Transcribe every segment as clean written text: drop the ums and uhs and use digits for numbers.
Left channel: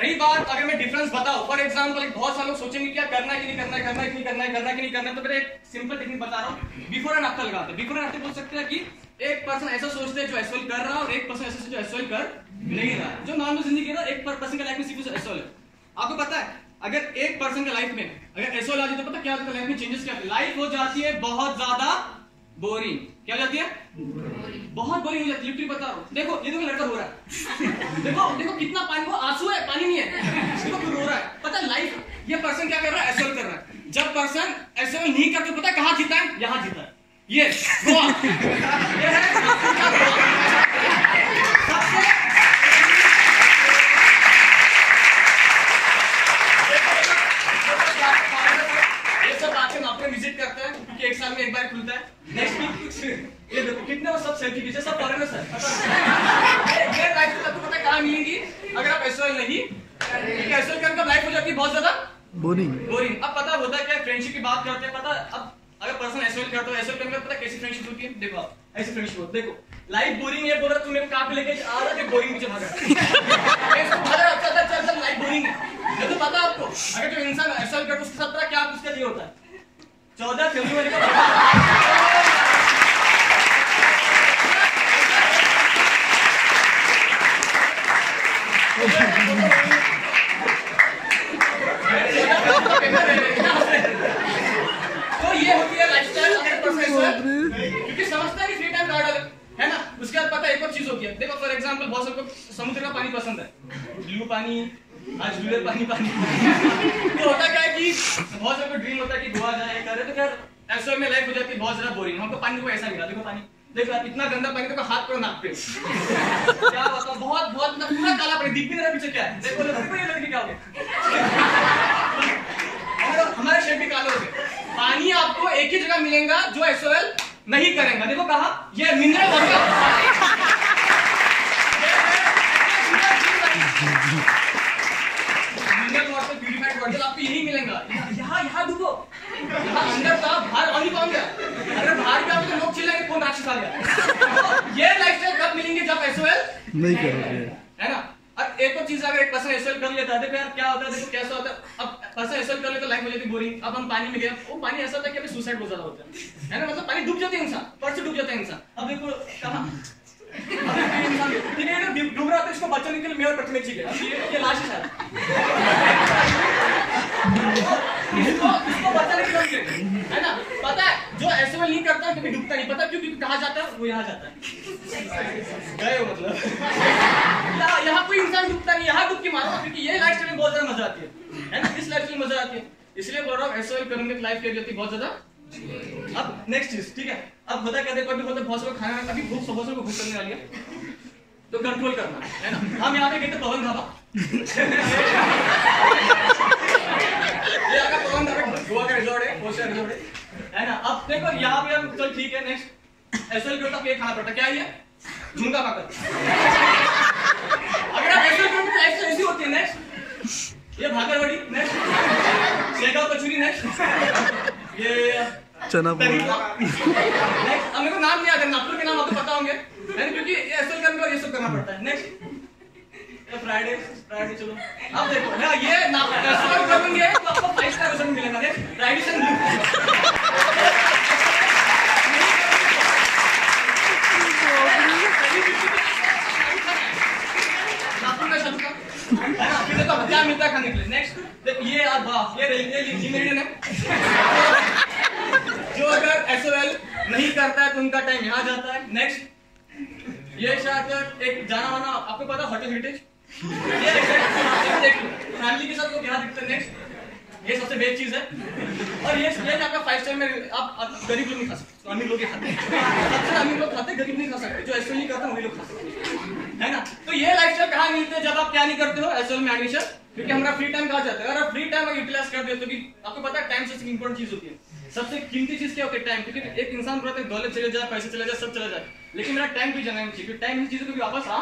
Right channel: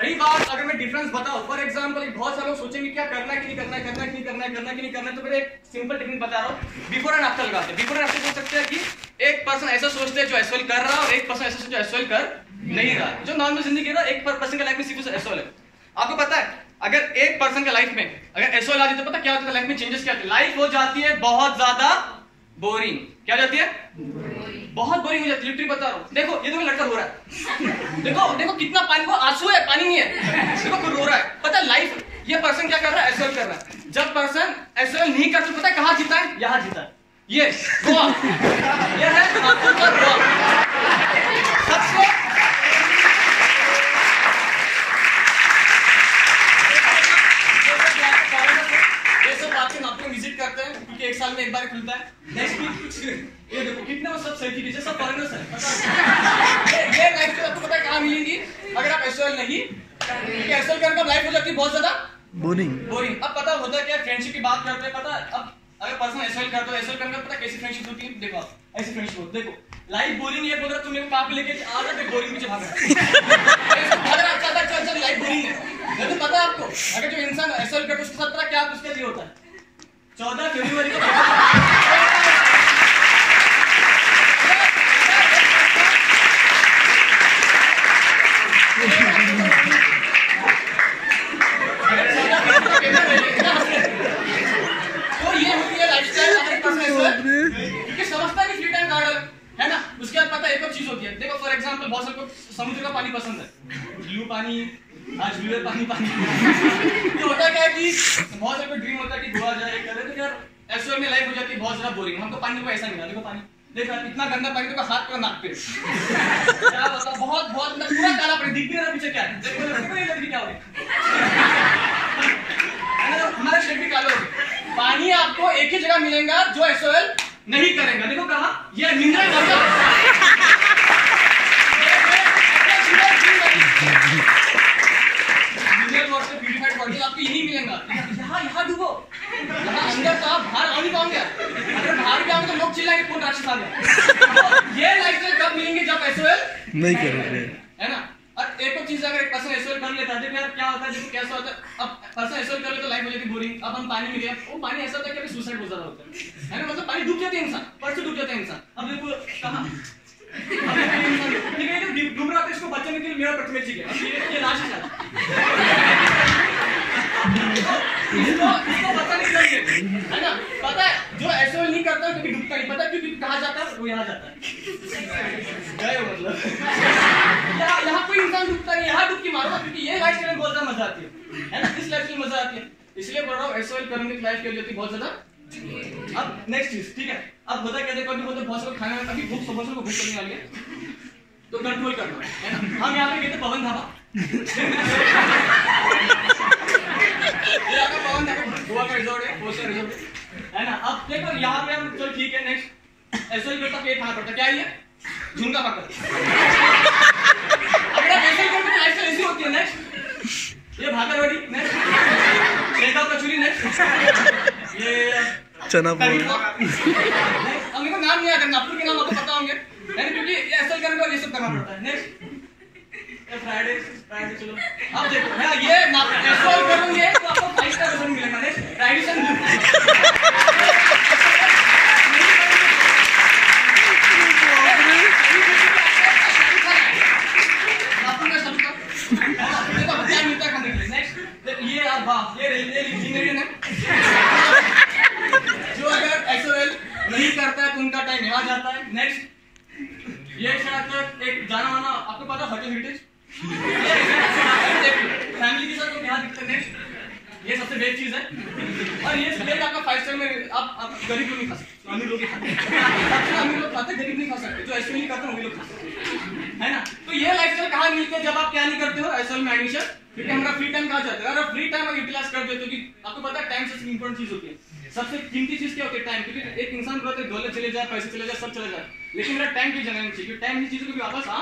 रही बात अगर मैं डिफरेंस बताऊं, फॉर एग्जांपल बहुत सारे लोग सोचेंगे क्या करना है कि नहीं करना है, करना है कि नहीं करना है, करना है कि नहीं करना है, तो मैं एक सिंपल टेक्निक बता रहा हूं, बिफोर एंड आफ्टर लगाते हैं। बिफोर एंड आफ्टर बोल सकते हैं कि एक पर्सन ऐसा सोचते हैं जो एसओएल कर रहा है और एक पर्सन ऐसा सोचते जो एसओएल कर नहीं रहा, जो नॉर्मल जिंदगी रहा। एक पर्सन के लाइफ में सिर्फ एसओएल है। आपको पता है अगर एक पर्सन के लाइफ में अगर एसओएल आ जाए तो पता क्या होता है, लाइफ में चेंजेस क्या होते हैं, लाइफ हो जाती है बहुत ज्यादा बोरिंग। क्या हो जाती है? बहुत बोरिंग हो जाती है। लिटरली बता रहा हूं, देखो ये तो लड़का रो रहा है, देखो देखो कितना पानी, वो आंसू है, पानी नहीं है, देखो कोई रो रहा है। पता है लाइफ, ये पर्सन क्या कर रहा है, एसओएल कर रहा है। जब पर्सन एसओएल नहीं करते पता है कहां जीता है, यहां जीता है, ये गोवा, ये है आपका गोवा। सबसे विजिट करते हैं क्योंकि एक साल में एक बार खुलता है। नेक्स्ट वीक ये देखो कितने वो सब सेल्फी खींचे, सब फॉरेनर्स हैं। ये लाइफ में आपको पता है कहां मिलेंगी अगर आप एसओएल नहीं, क्योंकि एसओएल करके लाइफ हो जाती है बहुत ज्यादा बोरिंग। अब पता होता है क्या, फ्रेंडशिप की बात करते हैं। पता अब अगर पर्सन एसओएल करते हो, एसओएल करने का पता कैसी फ्रेंडशिप होती है, देखो आप ऐसी फ्रेंडशिप होती है। देखो लाइफ बोरिंग है, बोल रहा तुम मेरे को कहां पे लेके आ रहा है, बोरिंग पीछे भाग रहा है। चल लाइफ बोरिंग है। तो पता आपको अगर जो इंसान एसओएल करता है उसके साथ क्या उसका ये होता है, 14 फरवरी का तो ये होती है लाइफस्टाइल क्योंकि समझता है कि फ्री टाइम गार्डन है ना। उसके बाद पता है एक और चीज होती है, देखो फॉर एग्जांपल बहुत सारे को समुद्र का पानी पसंद है, ब्लू पानी, आज ब्लू पानी तो होता क्या है कि बहुत सारे को ड्रीम होता है कि गोवा जाए करे, तो खैर एसओएल में लाइफ हो जाती है बहुत ज्यादा बोरिंग। हमको पानी को ऐसा मिला, देखो पानी देख रहा इतना गंदा पानी, देखो हाथ पर नाक पे क्या बता, बहुत बहुत पूरा काला पानी, दिख नहीं रहा पीछे क्या है। देखो देखो ये लड़की क्या हो गई, हमारे शेड भी काले हो गए। पानी आपको एक ही जगह मिलेगा जो एसओएल नहीं करेगा। देखो कहां, ये mineral water, mineral water purified water आपको यही मिलेगा। यहाँ डूबो, यहाँ अंदर तो आप बाहर आ नहीं पाओगे। अगर बाहर भी आओगे तो लोग चिल्लाएंगे कौन राक्षस आ गया। ये लाइफस्टाइल कब मिलेंगे, जब एसओएल नहीं करोगे, है ना। और एक और चीज, अगर एक पर्सन एसओएल कर लेता है तो यार क्या होता है, देखो कैसा होता है। अब पर्सन एसओएल कर लेता तो लाइफ हो जाती है बोरिंग। अब हम पानी में गए, वो पानी ऐसा होता है कि सुसाइड बहुत ज्यादा होता है ना, मतलब पानी डूब जाते हैं इंसान, परसों डूब जाता है इंसान। अब देखो कहां डूब रहा था, इसको बचाने के लिए मेरा प्रतिमेल चाहिए, ये लाश है इसको बचाने के लिए, है ना। पता है जो एसओएल नहीं करता कभी डूबता नहीं, पता क्योंकि कहां जाता है, वो यहाँ जाता है, गए हो मतलब यहाँ कोई इंसान डूबता नहीं, यहाँ डुबकी मारो, क्योंकि ये लाइफस्टाइल में बहुत ज्यादा मजा आती है ना, इस लाइफस्टाइल में मजा आती है। इसलिए बोल रहा हूँ एसओएल करने की लाइफ के लिए बहुत ज्यादा। अब नेक्स्ट चीज, ठीक है, अब होता क्या, देखो अभी बोलते बहुत सारे खाना अभी भूख बहुत सारे को भूख लगने वाली है, तो कंट्रोल करना है ना। हम यहाँ पे गए थे पवन धाबा, ये आपका पवन धाबा गोवा का रिजॉर्ट है, फोर स्टार रिजॉर्ट है ना। अब देखो यहाँ पे हम, चलो ठीक है, नेक्स्ट एसओएल करता ये खाना पड़ता, क्या है झुंगा पकड़। अगर आप एसओएल करोगे तो लाइफस्टाइल ऐसी होती है। नेक्स्ट ये भागरवड़ी, नेक्स्ट शेगाव कचौरी, नेक्स्ट ये चना पोहा। नेक्स्ट अब मेरे को नाम नहीं याद है, नागपुर के नाम आपको पता होंगे, क्योंकि एसएल करने को ये सब करना पड़ता है। नेक्स्ट फ्राइडे, चलो अब देखो हाँ, ये एसएल करेंगे तो आपको 5 स्टार रेस्टोरेंट मिलेगा। नेक्स्ट ट्रेडिशन क्या मिलता है खाने के लिए। नेक्स्ट ये वाह, ये इंग्रेडिएंट है जो अगर एसओएल नहीं करता है तो उनका टाइम यहाँ जाता है। नेक्स्ट ये शायद एक जाना माना, आपको पता होटल हेरिटेज, फैमिली के साथ लोग यहाँ दिखते हैं। नेक्स्ट ये सबसे बेस्ट चीज है, और ये आपका 5 स्टार में आप गरीब लोग नहीं खा सकते, अमीर लोग ही खाते हैं, अमीर लोग खाते, गरीब नहीं खा सकते, जो एसओएल नहीं करते वही लोग खाते हैं ना। तो ये लाइफस्टाइल कहाँ मिलते हैं, जब आप क्या नहीं करते हो एसओएल में एडमिशन, क्योंकि हमारा फ्री टाइम कहाँ जाता है। अगर फ्री टाइम यूटिलाइज कर देते हो, क्योंकि आपको पता है टाइम सबसे इंपॉर्टेंट चीज होती है, सबसे कीमती चीज क्या होती है, टाइम। क्योंकि एक इंसान बोलता है दौलत चले जाए, पैसे चले जाए, सब चले जाए, लेकिन मेरा टाइम की जगह नहीं चाहिए, क्योंकि टाइम की चीजों को वापस आ।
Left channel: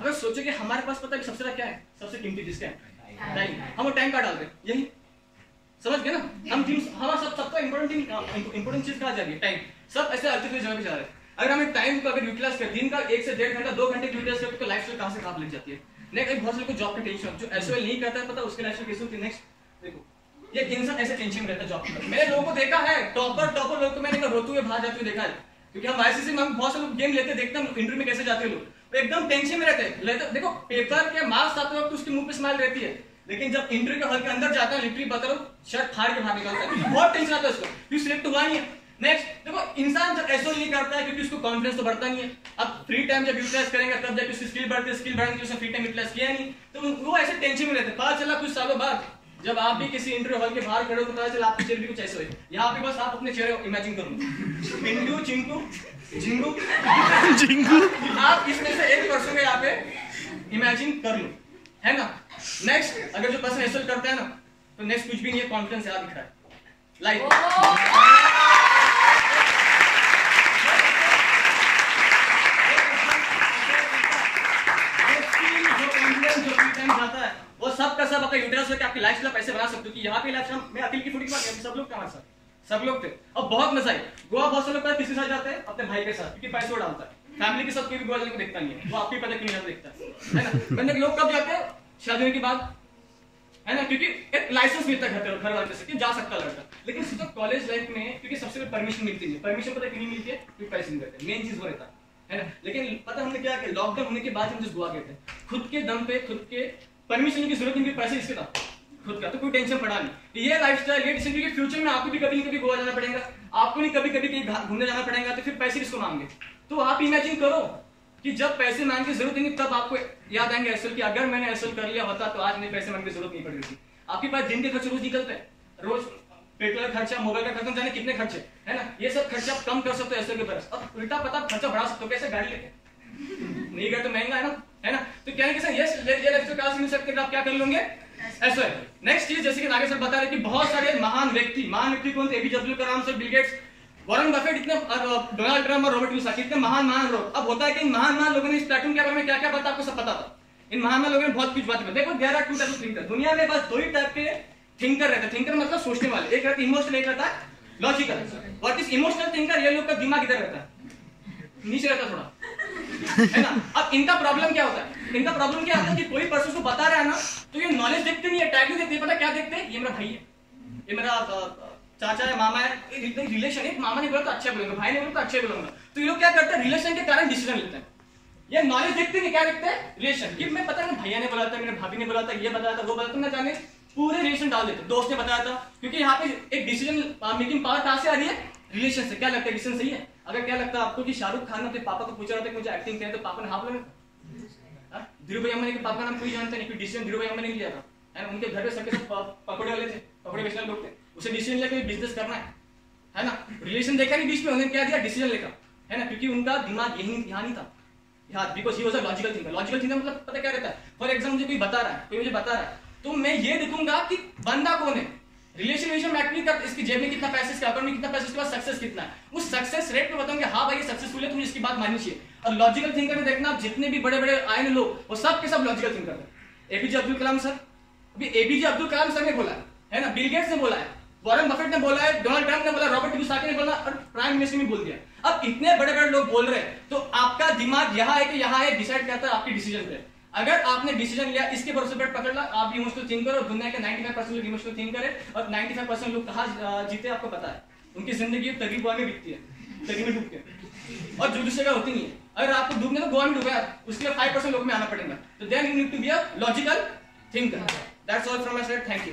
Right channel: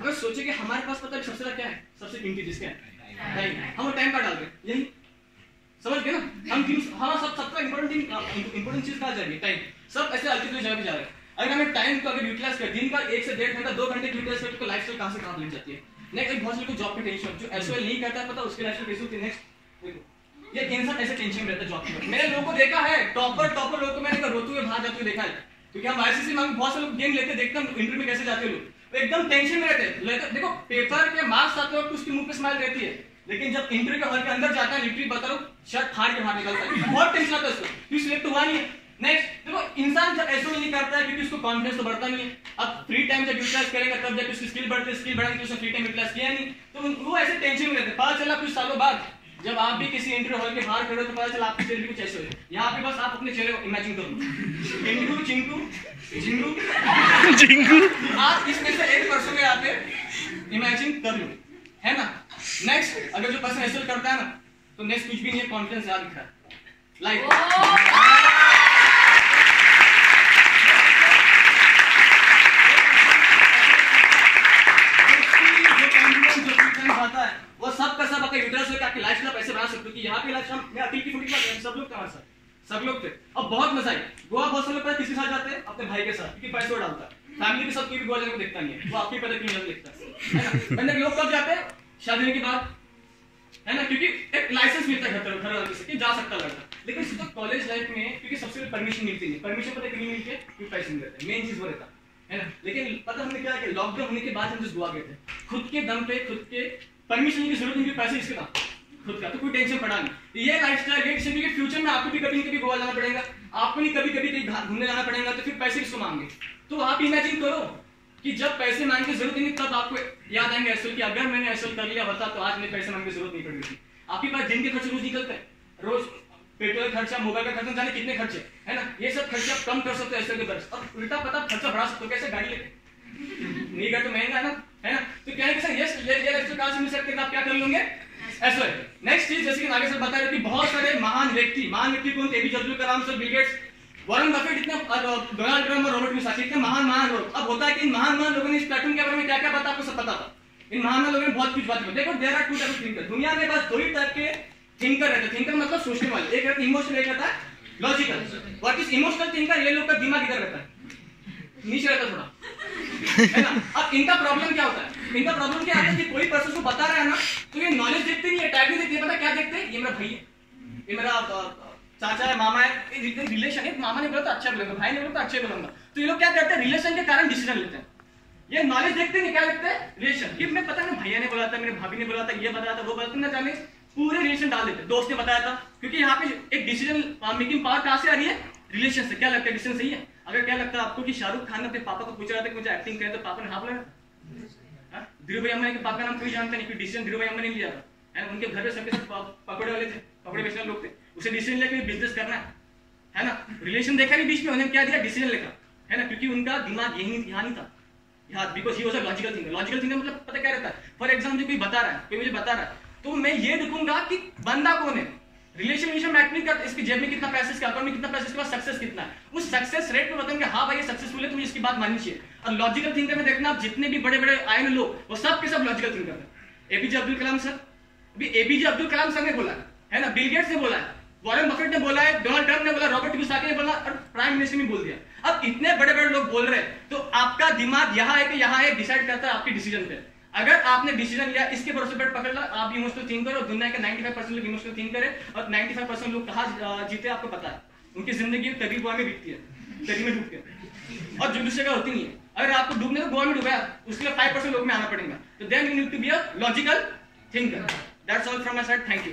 अगर सोचे कि हमारे पास पता है सबसे ज्यादा क्या है, सबसे कीमती चीज क्या है, टाइम। हम वो टाइम का डाल रहे हैं, यही समझ गए ना। हम हमारा सबसे इंपॉर्टेंट चीज कहाँ जा रही है, टाइम। सब ऐसे अल्टीमेट जगह पे जा रहे हैं। अगर हमें टाइम को अगर यूटिलाइज कर, दिन का 1 से 1.5 घंटा 2 घंटे यूटिलाइज करते तो लाइफस्टाइल कहाँ से कहाँ लग जाती है। नेक्स्ट बहुत से लोगों को जॉब की टेंशन, जो एसओएल नहीं करता पता उसके लाइफ में कैसे होती है। नेक्स्ट देखो, ये इंसान ऐसे टेंशन में रहता है जॉब की। मैंने लोगों को देखा है, टॉपर लोगों को मैंने रोते हुए बाहर जाते हुए देखा है, क्योंकि हम आईसीसी में बहुत से लोग गेम लेते देखते हैं इंटरव्यू में कैसे जाते हैं लोग, एकदम टेंशन में रहते हैं। देखो पेपर के मार्क्स आते वक्त उसके मुंह पे स्माइल रहती है, लेकिन जब इंटरव्यू के हॉल के अंदर जाता है लिटरली बता रहा हूं शर्ट फाड़ के बाहर निकलता है, बहुत टेंशन आता है उसको, क्योंकि सिलेक्ट हुआ नहीं है। नेक्स्ट देखो, इंसान जब एसओ नहीं करता है क्योंकि उसको कॉन्फिडेंस तो बढ़ता नहीं है। अब फ्री टाइम जब यूटिलाइज करेगा तब जब उसकी स्किल बढ़ती है, स्किल बढ़ाने के उसने फ्री टाइम यूटिलाइज किया नहीं, तो वो ऐसे टेंशन में रहते हैं। पता चला कुछ सालों बाद जब आप भी किसी इंटरव्यू हॉल के बाहर खड़े हो तो पता चला आपकी चेहरे भी कुछ ऐसे हुए। यहाँ पे बस आप अपने चेहरे इमेजिन करो, पिंटू, चिंटू, झिंगू झिंगू, आप इसमें से एक पर्सन को यहाँ पे इमेजिन कर लो, है ना। नेक्स्ट, अगर जो पर्सन एसएल करता है ना, तो नेक्स्ट कुछ भी नहीं है, कॉन्फिडेंस यहाँ दिख रहा है लाइफ। वो सब का सब आपका यूटिलाइज करके आपकी लाइफ में पैसे बना सकते हो। कि यहाँ पे लाइफ में अतिल की फुटी सब लोग थे हमारे साथ, सब लोग थे, और बहुत मजा आई। गोवा बहुत से लोग पता किसके साथ जाते हैं, अपने भाई के साथ, क्योंकि पैसे वो डालता है। फैमिली के साथ कोई भी गोवा जाने को देखता नहीं है, वो आपकी पता क्यों नहीं देखता है ना। लोग कब जाते हैं, शादी होने के बाद, है ना, क्योंकि एक लाइसेंस मिलता है घर वाले से कि जा सकता लड़का। लेकिन सिर्फ कॉलेज लाइफ में क्योंकि सबसे पहले परमिशन मिलती है, परमिशन पता क्यों मिलती है, क्योंकि पैसे नहीं रहते, मेन चीज वो रहता है ना। लेकिन पता हमने क्या किया, लॉकडाउन होने के बाद हम जिस गोवा गए थे, खुद के दम पे, खुद के परमिशन की जरूरत नहीं, पैसे इसके था खुद का, तो कोई टेंशन पड़ा नहीं। ये लाइफस्टाइल है क्योंकि फ्यूचर में आपको भी कभी कभी गोवा जाना पड़ेगा, आपको नहीं कभी कभी कहीं घूमने जाना पड़ेगा, तो फिर पैसे किसको मांगे। तो आप इमेजिन करो कि जब पैसे मांगने की जरूरत नहीं, तब आपको याद आएंगे एसएल कि अगर मैंने एसएल कर लिया होता तो आज मुझे पैसे मांगने की जरूरत नहीं पड़ रही थी। आपके पास दिन के खर्चे रोज निकलते हैं, रोज पेट्रोल खर्चा, मोबाइल का खर्चा, जाने कितने खर्चे, है ना। ये सब खर्चा कम कर सकते हो एसएल के तरफ, और उल्टा पता खर्चा बढ़ा सकते हो। कैसे, गाड़ी लेके नहीं कर तो महंगा है ना। तो क्या है कि सर ये कहां से मिल सकते हैं, आप क्या कर लेंगे एसएल। नेक्स्ट चीज, जैसे कि नागे सर बता रहे थे, बहुत सारे महान व्यक्ति कौन थे, APJ Abdul Kalam sir, Bill Gates, Warren Buffett, इतने डोनाल्ड ट्रम्प और रॉबर्ट मुसाफी, इतने महान लोग। अब होता है कि इन महान लोगों ने इस प्लेटफॉर्म के बारे में क्या क्या पता, आपको सब पता था। इन महान लोगों ने बहुत कुछ बात की। देखो, there are two type of thinker, दुनिया में बस दो ही टाइप के थिंकर रहते हैं। थिंकर मतलब सोचने वाले, एक रहता है इमोशनल, एक रहता है logical. What is emotional thinker, ये लोग का दिमाग इधर रहता है, नीचे रहता थोड़ा, है ना। अब इनका प्रॉब्लम क्या होता है, इनका प्रॉब्लम क्या होता है कि कोई पर्सन को बता रहा है ना, तो ये नॉलेज देखते नहीं है, टैग नहीं देखते, पता क्या देखते हैं, ये मेरा भाई है, ये मेरा चाचा है, मामा है, रिलेशन है, मामा ने बोला तो अच्छा बोलूंगा, भाई ने बोला तो अच्छा बोलूंगा। तो ये लोग क्या करते हैं, रिलेशन के कारण डिसीजन लेते हैं। ये नॉलेज देखते नहीं, क्या देखते हैं, रिलेशन। कि मैं पता नहीं भैया ने बोला था, मेरे भाभी ने बोला था, ये बताया था, वो बताया था, ना जाने पूरे रिलेशन डाल देते, दोस्त ने बताया था। क्योंकि यहाँ पे एक डिसीजन मेकिंग पावर कहाँ से आ रही है, रिलेशन से। क्या लगता है, डिसीजन सही है। अगर क्या लगता है आपको कि शाहरुख खान ने अपने पापा को पूछा था कि मुझे एक्टिंग करें, तो पापा ने हाँ बोला था। धीरूभाई अंबानी के पापा का नाम कोई जानता नहीं, क्योंकि डिसीजन धीरूभाई अंबानी ने लिया था, है ना। उनके घर पे सबके सब पकौड़े वाले थे, पकौड़े बेचने लोग थे, उसे डिसीजन लेकर बिजनेस करना है ना। रिलेशन देखा नहीं बीच में, उन्होंने क्या दिया, डिसीजन लेकर, है ना, क्योंकि उनका दिमाग यही यहाँ नहीं था, यहाँ, because he was a logical thinker. Logical thinker मतलब पता क्या रहता है, फॉर एग्जाम्पल कोई बता रहा है, कोई मुझे बता रहा है, तो मैं ये देखूंगा कि बंदा कौन है, रिलेशन मैटर नहीं करता, इसकी जेब में कितना पैसा, इसके अकाउंट में कितना पैसा, इसके पास सक्सेस कितना है, उस सक्सेस रेट में बताऊंगा हाँ भाई ये सक्सेसफुल है, तो मुझे इसकी बात माननी चाहिए। और लॉजिकल थिंकर में देखना, आप जितने भी बड़े बड़े आए ना लोग, वो सब के सब लॉजिकल थिंकर है। एपीजे अब्दुल कलाम सर, अभी एपीजे अब्दुल कलाम सर ने बोला है ना, बिल गेट्स ने बोला है, वॉरेन बफेट ने बोला है, डोनाल्ड ट्रम्प ने बोला, रॉबर्ट मुसाफी ने बोला, और प्राइम मिनिस्टर ने बोल दिया। अब इतने बड़े बड़े लोग बोल रहे हैं, तो आपका दिमाग यहाँ है कि यहाँ है, डिसाइड करता है आपकी डिसीजन पे। अगर आपने डिसीजन लिया, इसके भरोसे पर पकड़ ला, आप इमोशनल थिंकर हो। दुनिया के 95% लोग इमोशनल थिंकर है, और 95% लोग कहाँ जीते आपको पता है, उनकी जिंदगी तरी गोवा में बीतती है, तरी में डूब के, और जो दूसरे का होती नहीं है। अगर आपको डूबने तो गोवा में डूबा, उसके लिए 5% लोग में आना पड़ेगा। तो then you need to be a logical thinker. That's all from my side, thank you.